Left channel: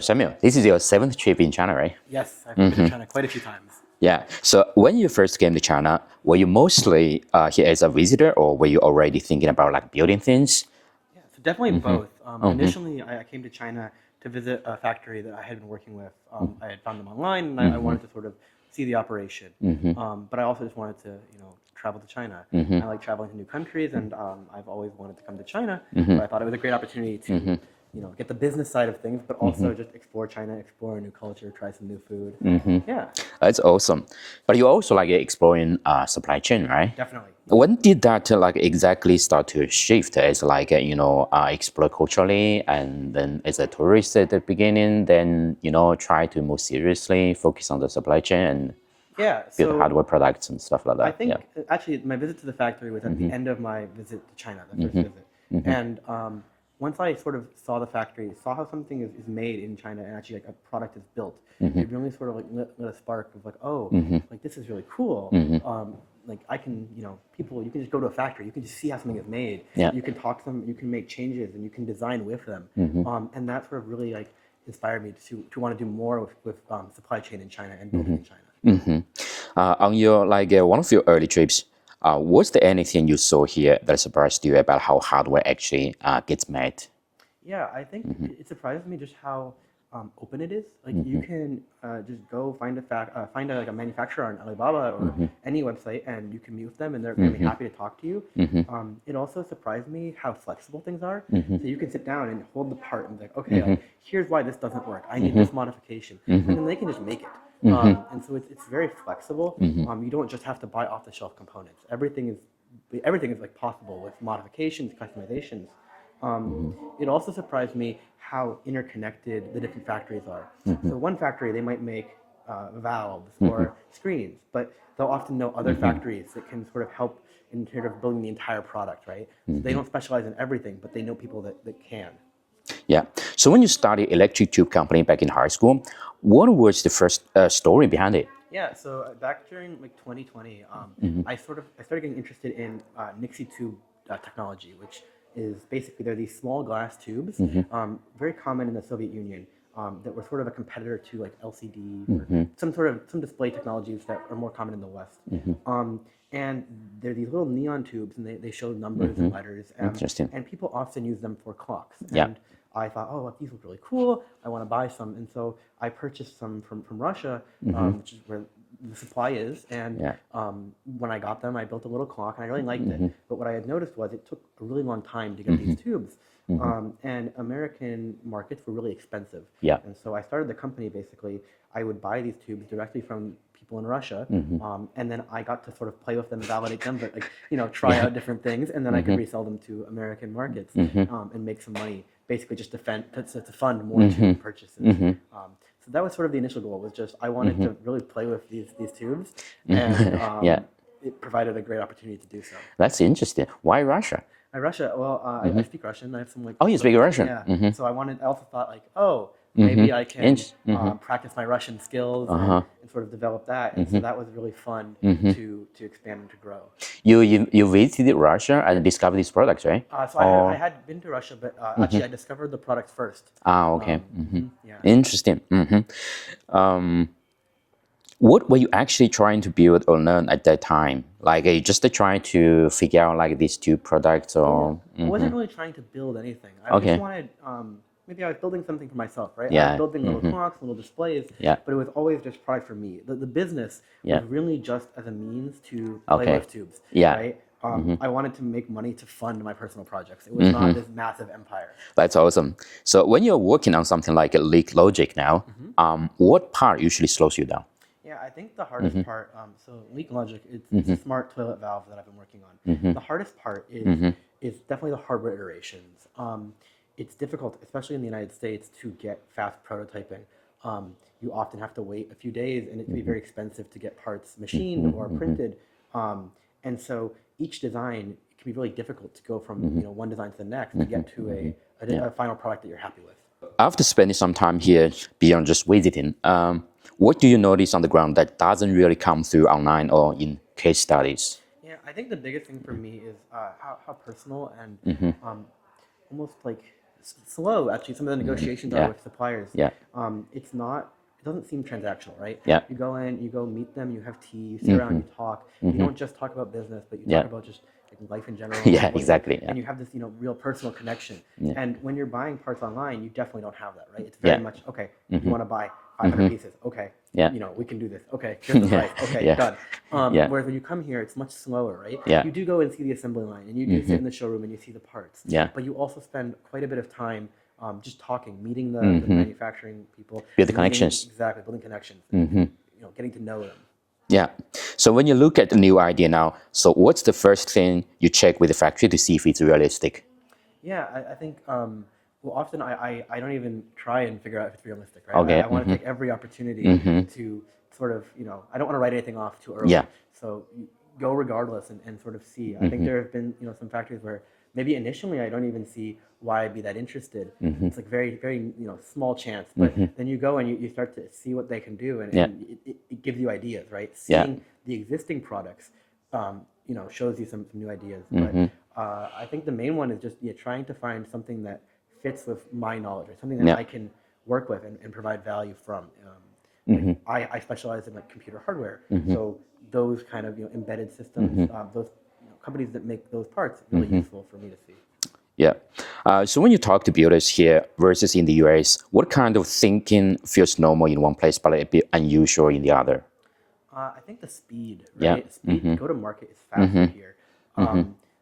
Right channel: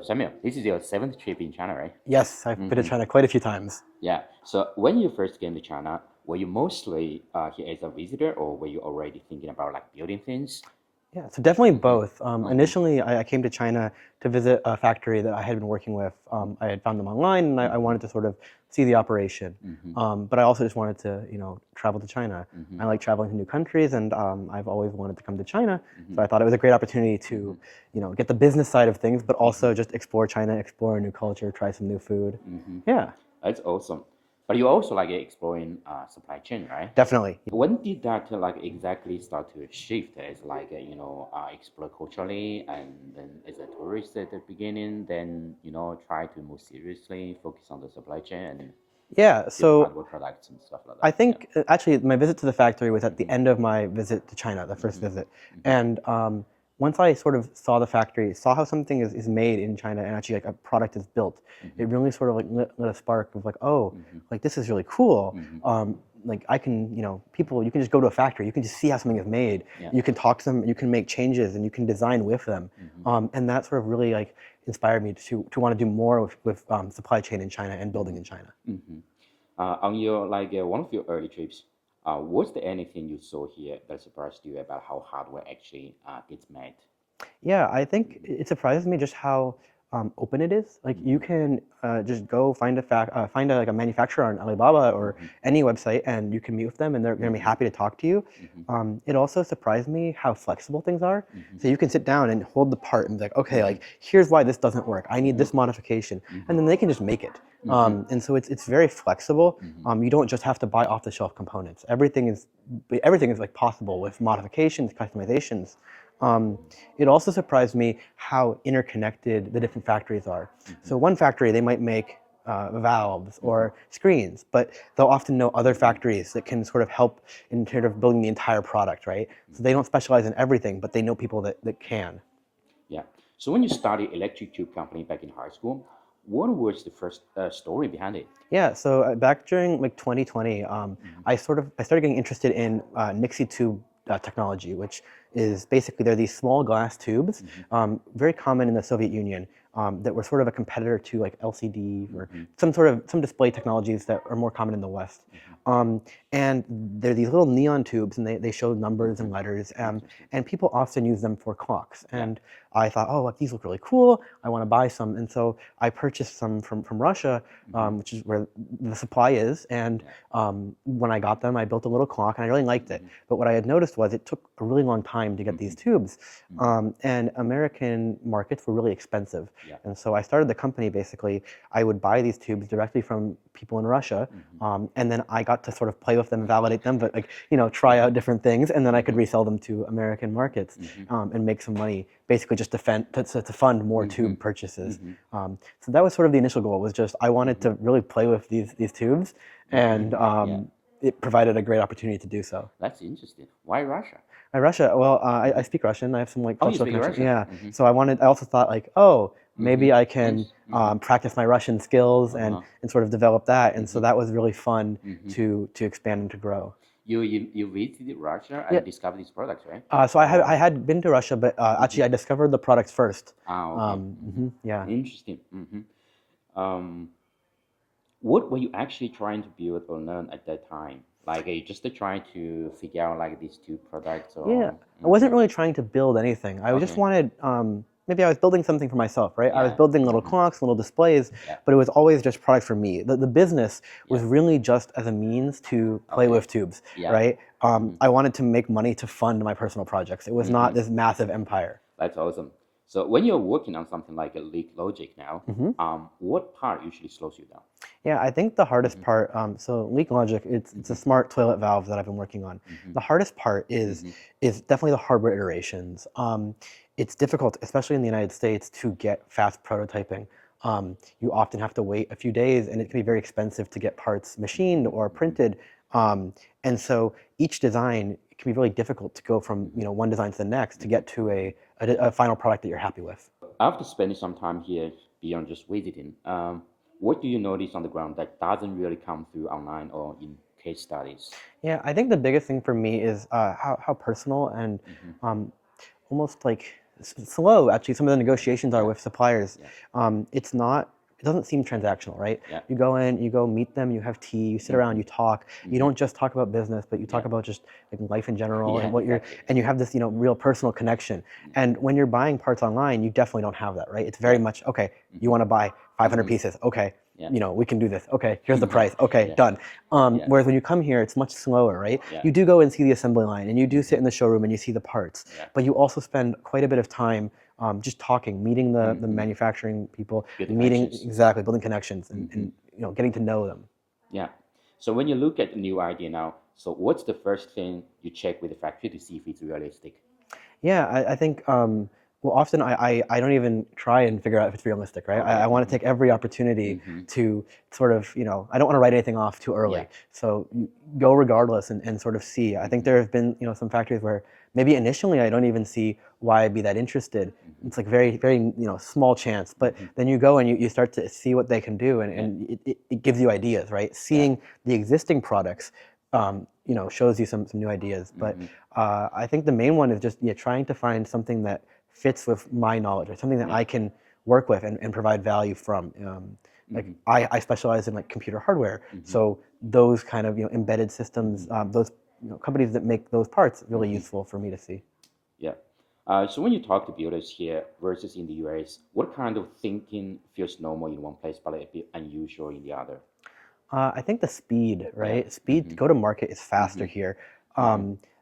Samuel, this is your seventh trip in China, right? Yes, I've been to China quite a few times. Yeah. So when you first came to China, were you mostly here as a visitor, or were you already thinking about like building things? Yeah, so definitely both. Initially, I came to China to visit a factory that I had been working with. I had found them online, and I wanted to sort of see the operation. But I also just wanted to, travel to China. I like traveling to new countries, and I've always wanted to come to China. So I thought it was a great opportunity to, get the business side of things, but also just explore China, explore a new culture, try some new food. Yeah, That's awesome. But you also like exploring supply chain, right? definitely. When did that like exactly start to shift as like explore culturally, and then as a tourist at the beginning, then try to more seriously focus on the supply chain and Yeah, build so hardware products and stuff like that. I think actually my visit to the factory was at the end of my visit to China, the first visit. And once I sort of saw the factory, saw how something is made in China and actually like a product is built, it really sort of like lit a spark of like, oh, like this is really cool. Like I can, people, you can just go to a factory, you can just see how something is made. Yeah. You can talk to them, you can make changes, and you can design with them. And that sort of really like inspired me to want to do more with supply chain in China and building in China. On your one of your early trips, was there anything you saw here that surprised you about how hardware actually gets made? Yeah, I think it surprises me just how open it is. Like you can just go find like a manufacturer on Alibaba or any website, and you can meet with them, and they're going to be happy to talk to you. It also surprised me how flexible things are. So you can sit down and hold the part and be like, okay, like here's why this doesn't work. I need this modification, and then they can just make it. And so it's very flexible. You don't just have to buy off the shelf components. Everything is like possible with modifications, customizations. It also surprised me how interconnected the different factories are. So one factory, they might make valves or screens, but they'll often know other factories that can sort of help in terms of building the entire product, right? So they don't specialize in everything, but they know people that can. Yeah. So when you started electric tube company back in high school, what was the first story behind it? Yeah, so back during like 2020, I started getting interested in Nixie tube technology, which is basically they're these small glass tubes, very common in the Soviet Union, that were sort of a competitor to like LCD or some display technologies that are more common in the West. And they're these little neon tubes, and they show numbers and letters. Interesting. And people often use them for clocks. Yeah. And I thought, oh, look, these look really cool. I want to buy some. And so I purchased some from Russia, which is where the supply is. And when I got them, I built a little clock, and I really liked it. But what I had noticed was it took a really long time to get these tubes. And American markets were really expensive. Yeah. And so I started the company, basically, I would buy these tubes directly from people in Russia. And then I got to sort of play with them, validate them, but try out different things. And then I could resell them to American markets and make some money, basically just to fund more tube purchases. So that was sort of the initial goal, was just I wanted to really play with these tubes. And it provided a great opportunity to do so. That's interesting. Why Russia? Russia, well, I speak Russian. I have some like. Oh, you speak Russian? Yeah. So I also thought like, oh, maybe I can practice my Russian skills and sort of develop that. And so that was really fun to expand and to grow. You visited Russia and discovered these products, right? So I had been to Russia, but actually I discovered the products first. Okay. Yeah. Interesting. What were you actually trying to build or learn at that time? Like, you just trying to figure out like these two products, or? I wasn't really trying to build anything. I just wanted, maybe I was building something for myself, right? I was building little clocks, little displays, but it was always just products for me. The business was really just as a means to play with tubes, right? I wanted to make money to fund my personal projects. It was not this massive empire. That's awesome. So when you're working on something like a leak logic now, what part usually slows you down? Yeah, I think the hardest part, so leak logic, it's a smart toilet valve that I've been working on. The hardest part is definitely the hardware iterations. It's difficult, especially in the United States, to get fast prototyping. You often have to wait a few days, and it can be very expensive to get parts machined or printed. And so each design can be really difficult to go from one design to the next to get to a final product that you're happy with. After spending some time here beyond just visiting, what do you notice on the ground that doesn't really come through online or in case studies? Yeah, I think the biggest thing for me is how personal and almost like slow. Actually, some of the negotiations are with suppliers. Yeah. It's not. It doesn't seem transactional, right? Yeah. You go in, you go meet them, you have tea, you sit around, you talk. You don't just talk about business, but you talk about just like life in general. Yeah, and what exactly. and you have this, real personal connection. And when you're buying parts online, you definitely don't have that, right? It's very much, okay, you want to buy 500 pieces. Okay, we can do this. Okay, here's the price. Okay, done. Whereas when you come here, it's much slower, right? Yeah. You do go and see the assembly line, and you do sit in the showroom and you see the parts. Yeah. But you also spend quite a bit of time just talking, meeting the manufacturing people, Building connections. Exactly, building connections, and getting to know them. Yeah. So when you look at the new idea now, so what's the first thing you check with the factory to see if it's realistic? Yeah, I think well, often I don't even try and figure out if it's realistic, right? Okay. I want to take every opportunity to sort of, I don't want to write anything off too early. Yeah. So go regardless and sort of see. I think there have been, some factories where maybe initially I don't even see why I'd be that interested. It's like very, very, small chance. But then you go and you start to see what they can do, and it gives you ideas, right? Seeing the existing products, shows you some new ideas. But I think the main one is just trying to find something that fits with my knowledge, or something that I can work with and provide value from. Like I specialize in like computer hardware, so those kind of embedded systems, those companies that make those parts, really useful for me to see. Yeah. So when you talk to builders here versus in the US, what kind of thinking feels normal in one place but a bit unusual in the other? I think the speed, right? Speed, go to market is faster here.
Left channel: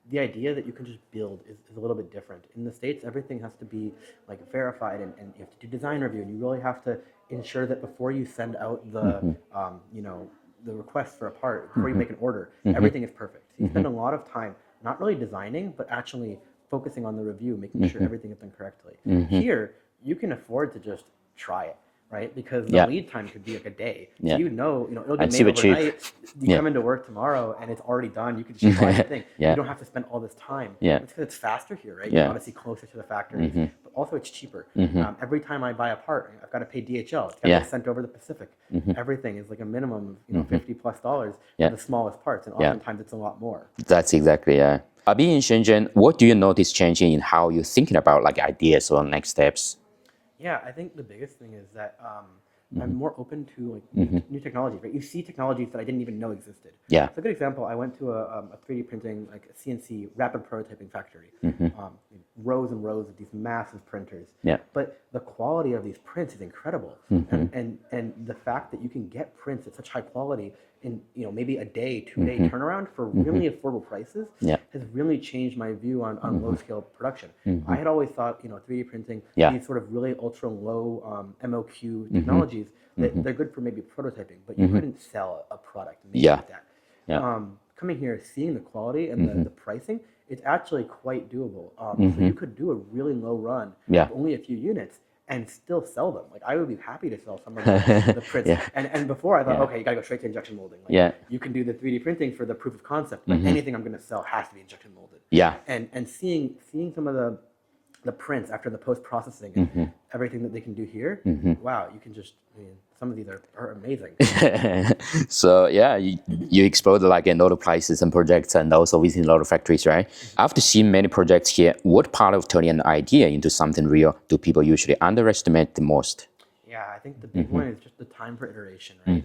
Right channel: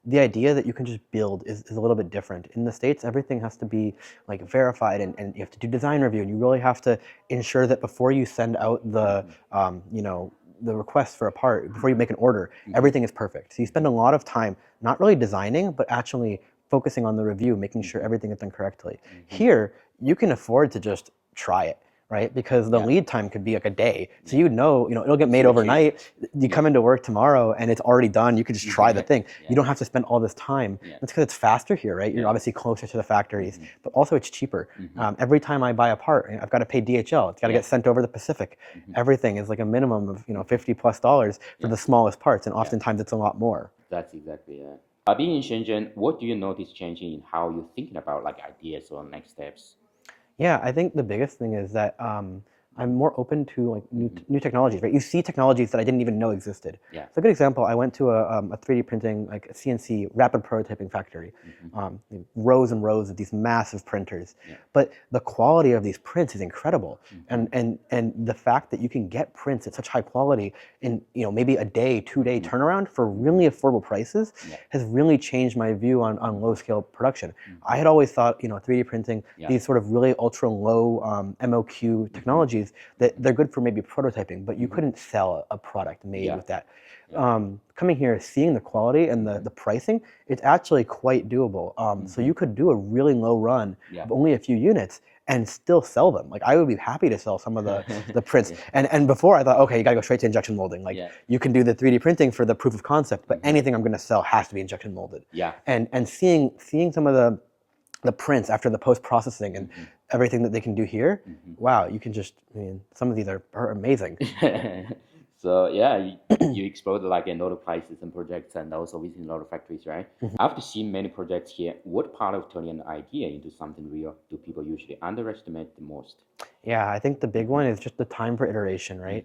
The idea that you can just build is a little bit different. In the States, everything has to be like verified, and you have to do design review, and you really have to ensure that before you send out the, the request for a part, before you make an order, everything is perfect. So you spend a lot of time not really designing, but actually focusing on the review, making sure everything is done correctly. Here, you can afford to just try it, right? Because the lead time could be like a day. So it'll get made overnight. You come into work tomorrow and it's already done. You could just try the thing. You don't have to spend all this time. It's because it's faster here, right? You're obviously closer to the factories, but also it's cheaper. Every time I buy a part, I've got to pay DHL. It's got to get sent over the Pacific. Everything is like a minimum of $50+ for the smallest parts, and oftentimes it's a lot more. That's exactly, yeah. Being in Shenzhen, what do you notice changing in how you're thinking about like ideas or next steps? Yeah, I think the biggest thing is that I'm more open to like new technologies, right? You see technologies that I didn't even know existed. Yeah. So a good example, I went to a 3D printing, like a CNC rapid prototyping factory, rows and rows of these massive printers. Yeah. But the quality of these prints is incredible, and the fact that you can get prints at such high quality in maybe a day, 2-day turnaround for really affordable prices has really changed my view on low scale production. I had always thought 3D printing, these sort of really ultra low MOQ technologies, that they're good for maybe prototyping, but you couldn't sell a product made with that. Coming here, seeing the quality and the pricing, it's actually quite doable. So you could do a really low run, only a few units, and still sell them. Like I would be happy to sell some of the prints. And before I thought, okay, you gotta go straight to injection molding. Like you can do the 3D printing for the proof of concept, but anything I'm gonna sell has to be injection molded. Yeah. And seeing some of the prints after the post-processing and everything that they can do here, wow, you can just, some of these are amazing. So yeah, you explored like a lot of places and projects, and also visiting a lot of factories, right? After seeing many projects here, what part of turning an idea into something real do people usually underestimate the most? Yeah, I think the big one is just the time for iteration, right?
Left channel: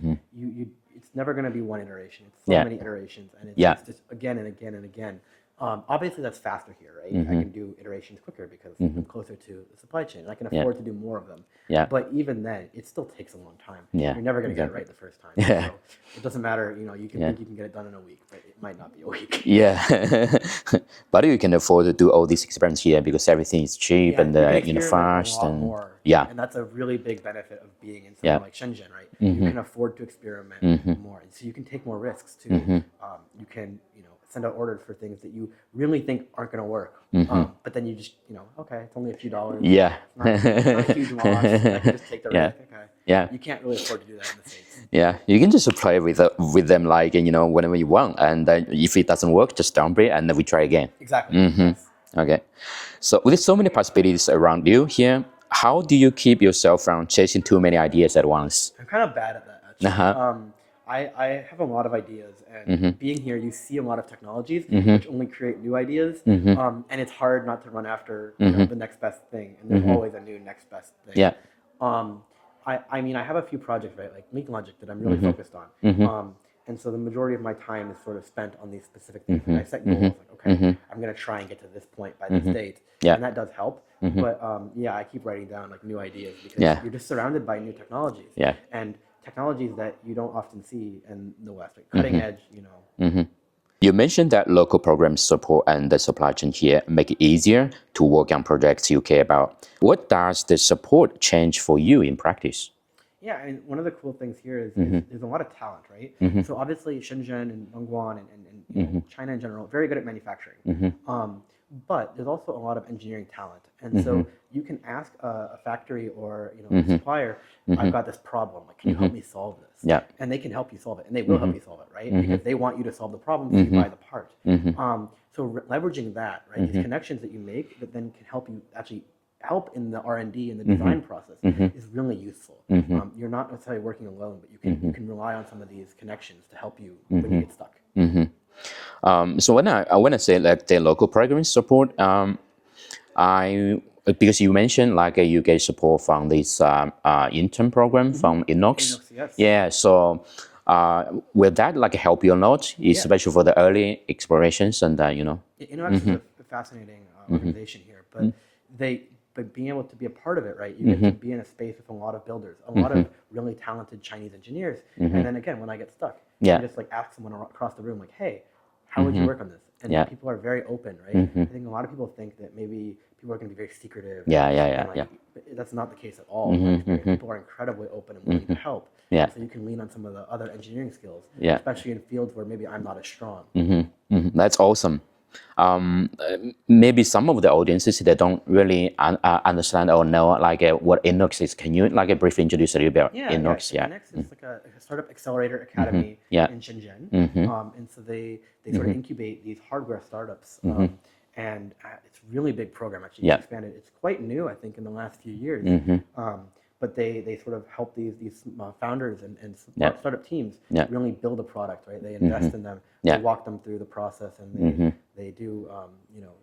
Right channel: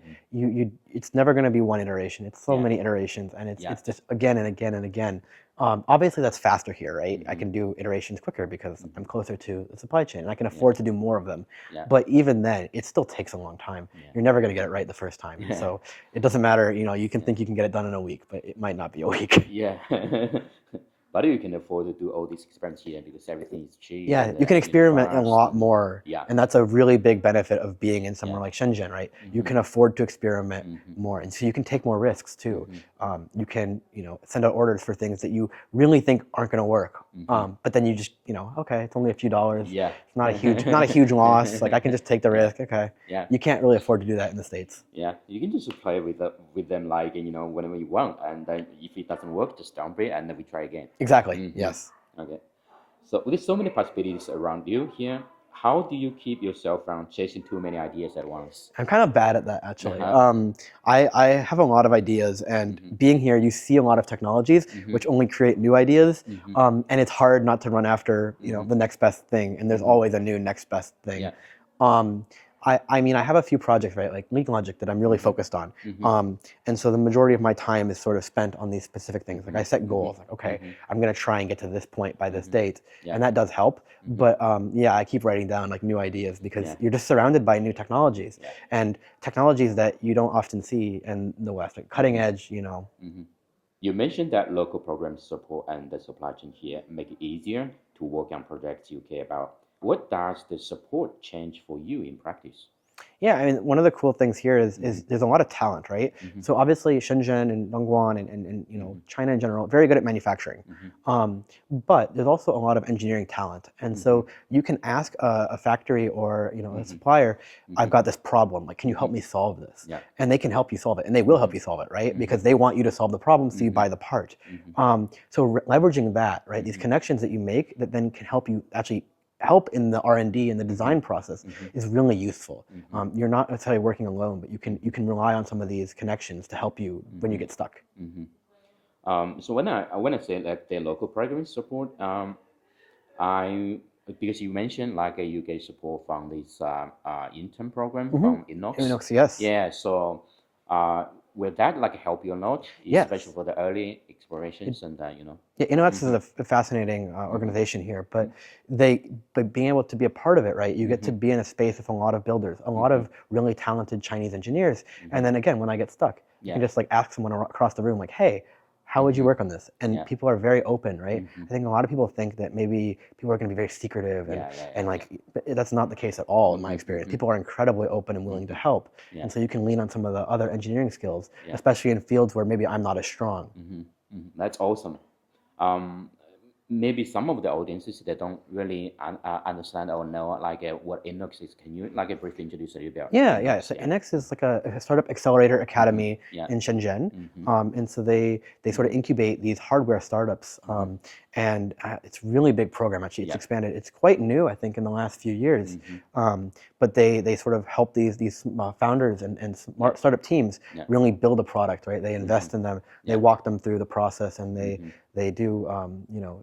It's never going to be one iteration. It's so many iterations, and it's just again and again and again. Obviously, that's faster here, right? I can do iterations quicker because I'm closer to the supply chain, and I can afford to do more of them. But even then, it still takes a long time. You're never going to get it right the first time. So it doesn't matter, you can think you can get it done in a week, but it might not be a week. Yeah. But you can afford to do all these experiments here because everything is cheap and you can experiment fast a lot more. Yeah. And that's a really big benefit of being in somewhere like Shenzhen, right? You can afford to experiment more, and so you can take more risks too. You can, send out orders for things that you really think aren't going to work, but then you just, okay, it's only a few dollars. Yeah. It's not a huge loss. Like I can just take the risk. Okay. Yeah. You can't really afford to do that in the States. Yeah. You can just play with them like, whenever you want, and if it doesn't work, just dump it and then we try again. Exactly. Yes. Okay. So with so many possibilities around you here, How do you keep yourself from chasing too many ideas at once? I'm kind of bad at that actually. Uh-huh. I have a lot of ideas, and being here, you see a lot of technologies which only create new ideas, and it's hard not to run after the next best thing, and there's always a new next best thing. Yeah. Um, I mean, I have a few projects, right, like Leak Logic that I'm really focused on. And so the majority of my time is sort of spent on these specific things. Like I set goals, like, okay, I'm going to try and get to this point by this date. Yeah. And that does help. But yeah, I keep writing down like new ideas because you're just surrounded by new technologies. Yeah. And technologies that you don't often see in the West, like cutting edge, You mentioned that local program support and the supply chain here make it easier to work on projects you care about. What does the support change for you in practice? Yeah, I mean, one of the cool things here is there's a lot of talent, right? So obviously Shenzhen and Dongguan and China in general, very good at manufacturing. But there's also a lot of engineering talent. And so you can ask a factory or a supplier, I've got this problem, like, can you help me solve this? Yeah. And they can help you solve it, and they will help you solve it, right? Because they want you to solve the problem, so you buy the part. So leveraging that, right, these connections that you make that then can help you actually help in the R&D and the design process is really useful. You're not necessarily working alone, but you can rely on some of these connections to help you when you get stuck. So when I say like the local program support, because you mentioned like you get support from this intern program from Inox. Inox, yes. Yeah. So will that like help you a lot, especially for the early explorations and Yeah, Inox is a fascinating organization here, but being able to be a part of it, right? You get to be in a space with a lot of builders, a lot of really talented Chinese engineers, and then again, when I get stuck, you can just like ask someone across the room, like, "Hey, how would you work on this?" And people are very open, right? I think a lot of people think that maybe people are going to be very secretive. And like, but that's not the case at all in my experience. People are incredibly open and willing to help. And so you can lean on some of the other engineering skills, especially in fields where maybe I'm not as strong. That's awesome. Maybe some of the audiences they don't really understand or know like what Inox is. Can you like briefly introduce a little bit? Inox? So Inox is like a startup accelerator academy in Shenzhen, and so they sort of incubate these hardware startups, and it's a really big program. Actually, it's expanded. It's quite new, I think, in the last few years. But they sort of help these founders and startup teams really build a product, right? They invest in them, they walk them through the process, and they do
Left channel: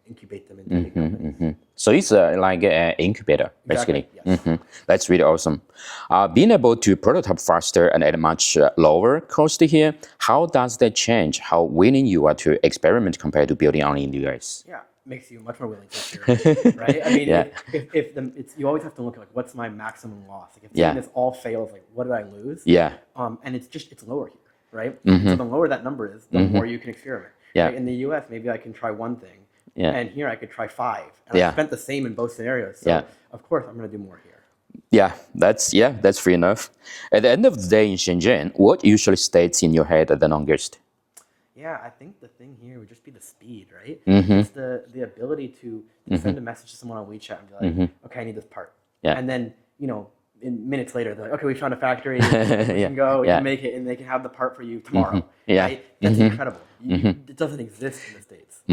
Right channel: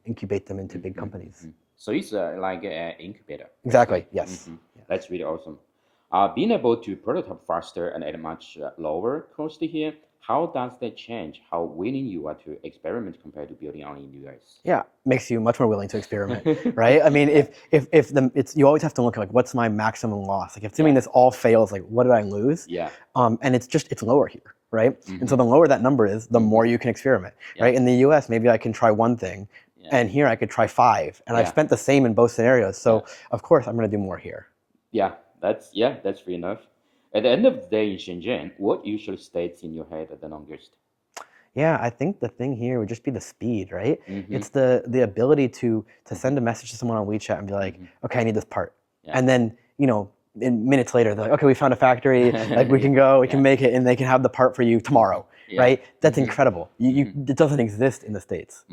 incubate them into big companies. So it's like an incubator, Exactly. basically. Yes. That's really awesome. Being able to prototype faster and at a much lower cost here, how does that change how willing you are to experiment compared to building only in the US? Yeah, makes you much more willing to experiment, right? I mean, if you always have to look at like what's my maximum loss. Like if doing this all fails, like what did I lose? Yeah. And it's lower here, right? And so the lower that number is, the more you can experiment, right? In the US, maybe I can try one thing, and here I could try 5, and I spent the same in both scenarios. So of course I'm going to do more here. Yeah, that's fair enough. At the end of the day in Shenzhen, what usually stays in your head the longest? Yeah, I think the thing here would just be the speed, right? It's the ability to send a message to someone on WeChat and be like, okay, I need this part. And then, in minutes later, they're like, okay, we found a factory, like we can go, we can make it, and they can have the part for you tomorrow, right? That's incredible. It doesn't exist in the States.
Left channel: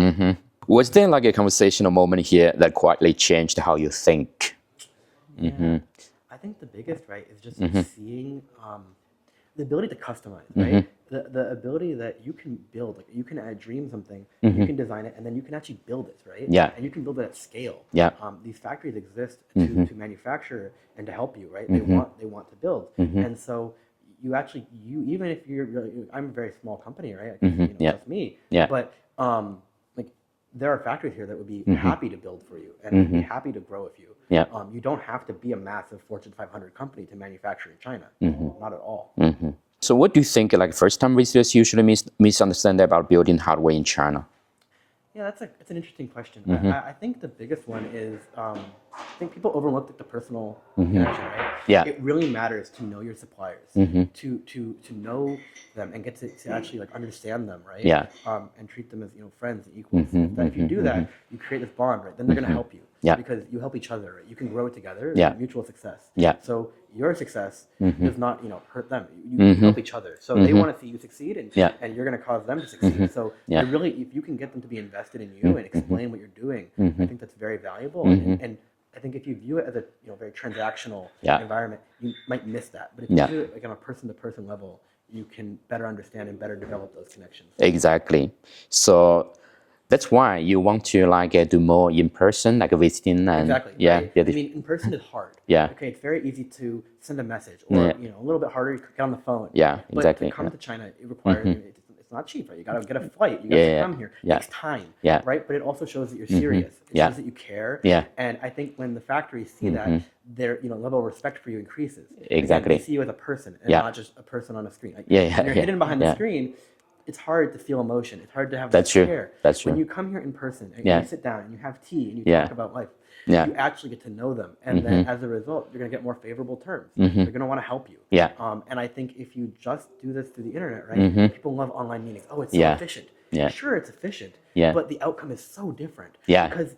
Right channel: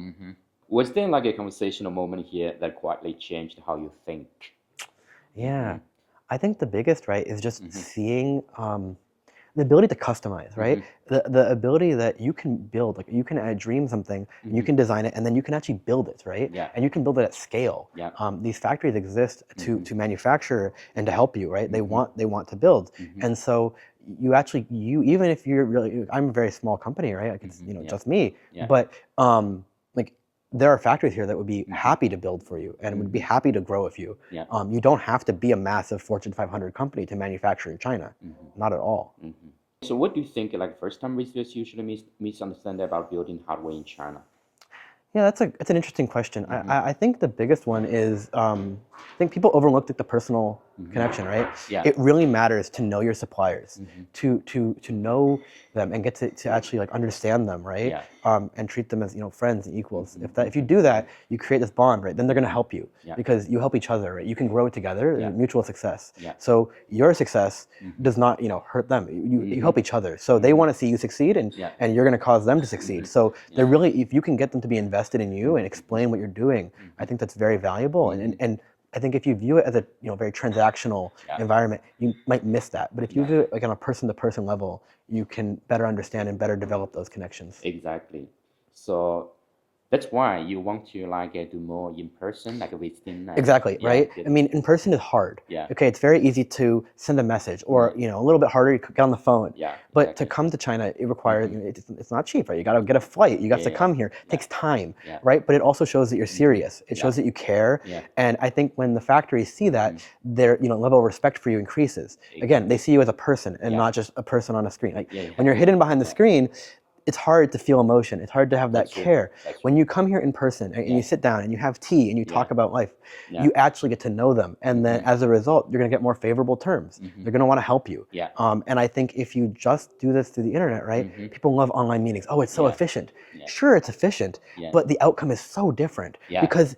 Was there like a conversational moment here that quietly changed how you think? Yeah, I think the biggest, right, is just seeing the ability to customize, right? The ability that you can build, like you can dream something, you can design it, and then you can actually build it, right? And you can build it at scale. These factories exist to manufacture and to help you, right? They want to build, and so even if you're really, I'm a very small company, right? Like just me, but like there are factories here that would be happy to build for you and be happy to grow with you. You don't have to be a massive Fortune 500 company to manufacture in China, not at all. So what do you think like first-time visitors usually misunderstand about building hardware in China? Yeah, that's an interesting question. I think the biggest one is I think people overlook the personal connection, right? It really matters to know your suppliers, to know them and get to actually like understand them, right? And treat them as friends and equals. If you do that, you create this bond, right? Then they're going to help you because you help each other, right? You can grow together, mutual success. So your success does not hurt them. You help each other. So they want to see you succeed, and you're going to cause them to succeed. So really, if you can get them to be invested in you and explain what you're doing, I think that's very valuable. And I think if you view it as a very transactional Yeah. environment, you might miss that. But if you Yeah. view it like on a person-to-person level, you can better understand and better develop those connections. Exactly. So that's why you want to like do more in person, like visiting and Exactly, yeah, right? yeah, I mean, in person is hard. yeah, Okay, it's very easy to send a message, or yeah, a little bit harder, you could get on the phone. yeah, But to exactly. come Yeah. to China, it requires it's not cheap, right? You got to get a flight, you got Yeah, to yeah, come here. It yeah, takes time, yeah, right? But it also shows that you're serious. It yeah, shows that you care. yeah, And I think when the factories see that, their level of respect for you increases. Again, they exactly. see you as a person and Yeah, not just a person on a screen. Like yeah, yeah, when you're yeah, hidden behind the yeah. screen, it's hard to feel emotion. It's hard to have that That's true. care. That's When true. you come here in person and Yeah, you sit down and you have tea and you yeah, talk about life, yeah, you actually get to know them. And then as a result, you're going to get more favorable terms. They're going to want to help you. yeah, And I think if you just do this through the internet, right, people love online meetings. Oh, it's so yeah, efficient. yeah, Sure, it's efficient, yeah, but the outcome is so different yeah. because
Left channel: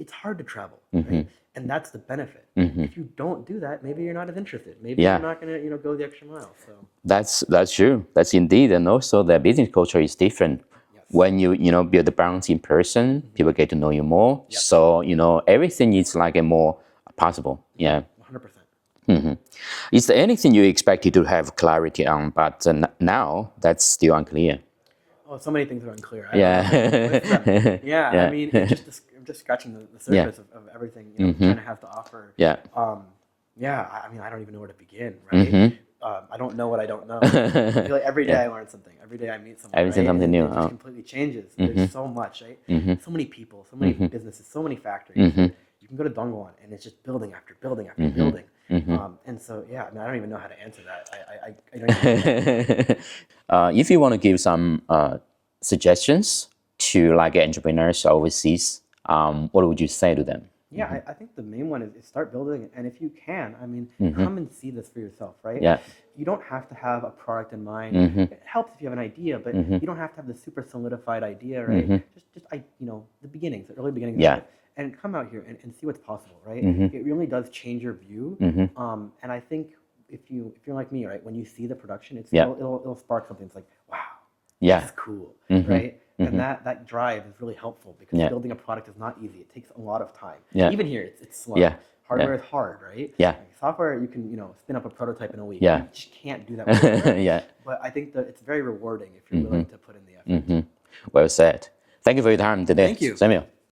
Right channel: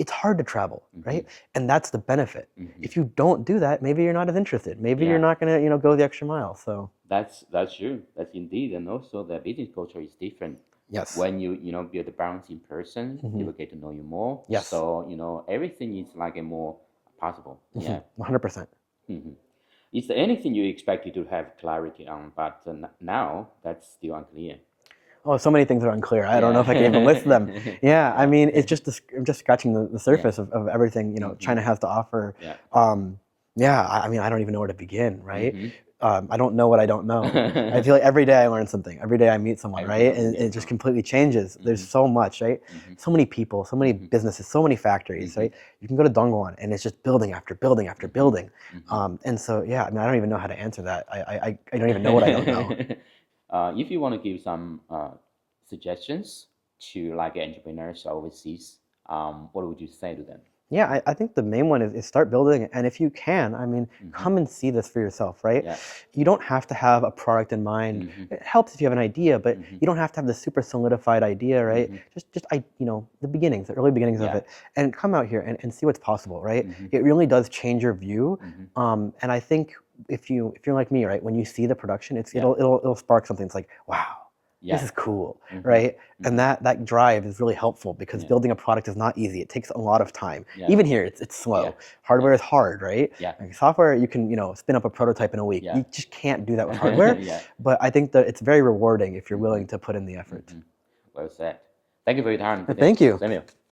it's hard to travel, right? And that's the benefit. If you don't do that, maybe you're not as interested. Maybe you're Yeah. not going to go the extra mile. So That's true. That's indeed, and also the business culture is different. yes. When you build the bonds in person, people get to know you more. Yes. So everything is like a more possible. Yeah. 100%. Is there anything you expected to have clarity on, but now that's still unclear? Oh, so many things are unclear. I don't know if I can even list them. Yeah, I Yeah. mean, it's just I'm just scratching the surface of everything China has to offer. Yeah. Yeah, I mean, I don't even know where to begin, right? I don't know what I don't know. I feel like every day I learn something. Every day I meet someone, Everything right? something And new, it just huh? completely changes. There's so much, right? So many people, so many businesses, so many factories. Right? You can go to Dongguan and it's just building after building after building. And so, yeah, I mean, I don't even know how to answer that. I don't even know what I don't know. If you want to give some suggestions to like entrepreneurs overseas, what would you say to them? Yeah, I think the main one is start building it. And if you can, I mean, come and see this for yourself, right? Yeah. You don't have to have a product in mind. It helps if you have an idea, but you don't have to have the super solidified idea, right? Just the beginnings, the early beginnings Yeah. of it. And come out here and see what's possible, right? It really does change your view. And I think if you're like me, right, when you see the production, it'll spark something. It's like, wow. Yeah. This is cool, right? And that drive is really helpful because building a product is not easy. It takes a lot of time. Yeah. Even here, it's slow. Yeah. Hardware is hard, right? Yeah. Like software, you can spin up a prototype in a week. Yeah. You just can't do that with hardware. Yeah. But I think that it's very rewarding if you're willing to put in the effort. Well said. Thank you for your time today, Thank you. Samuel.